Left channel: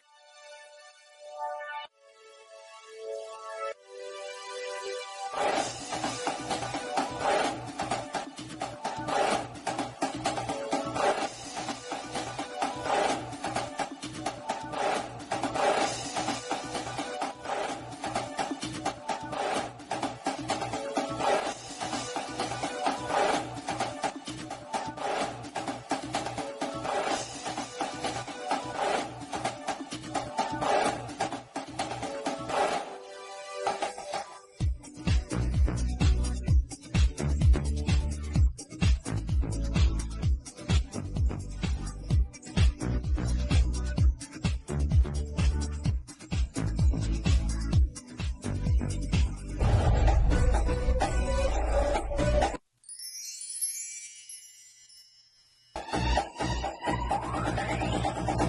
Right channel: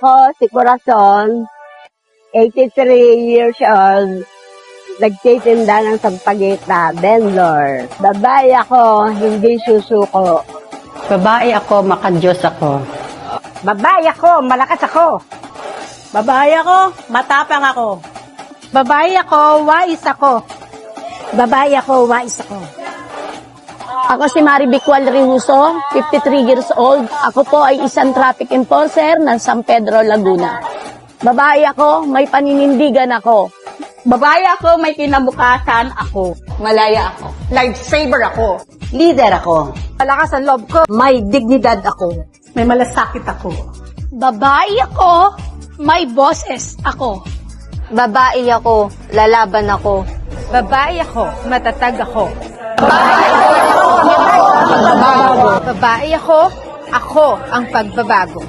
Ako, si Corazon, 83 years old, nagtitinda ng sampagita, vendor. Babae ako, hindi susuko. Babae ako, makadiyos ako. Babae ako, malakas ako. Babae ako, matapang ako. Babae ako, wais ako. Babae ako, wais ako. Ako si Marivic Rihuso, 53 years old. Ako po ay isang traffic enforcer ng San Pedro, Laguna. Babae ako, may paninindigan ako. Babae ako, may kinabukasan ako. Malaya ako. Lifesaver ako. Leader ako. Malakas ang loob ko. May dignidad ako. May malasakit ako. Babae ako, may boses ako. Babae ako, lalaban ako. Babae ako, matatag ako. Babae ako ang pagbabago.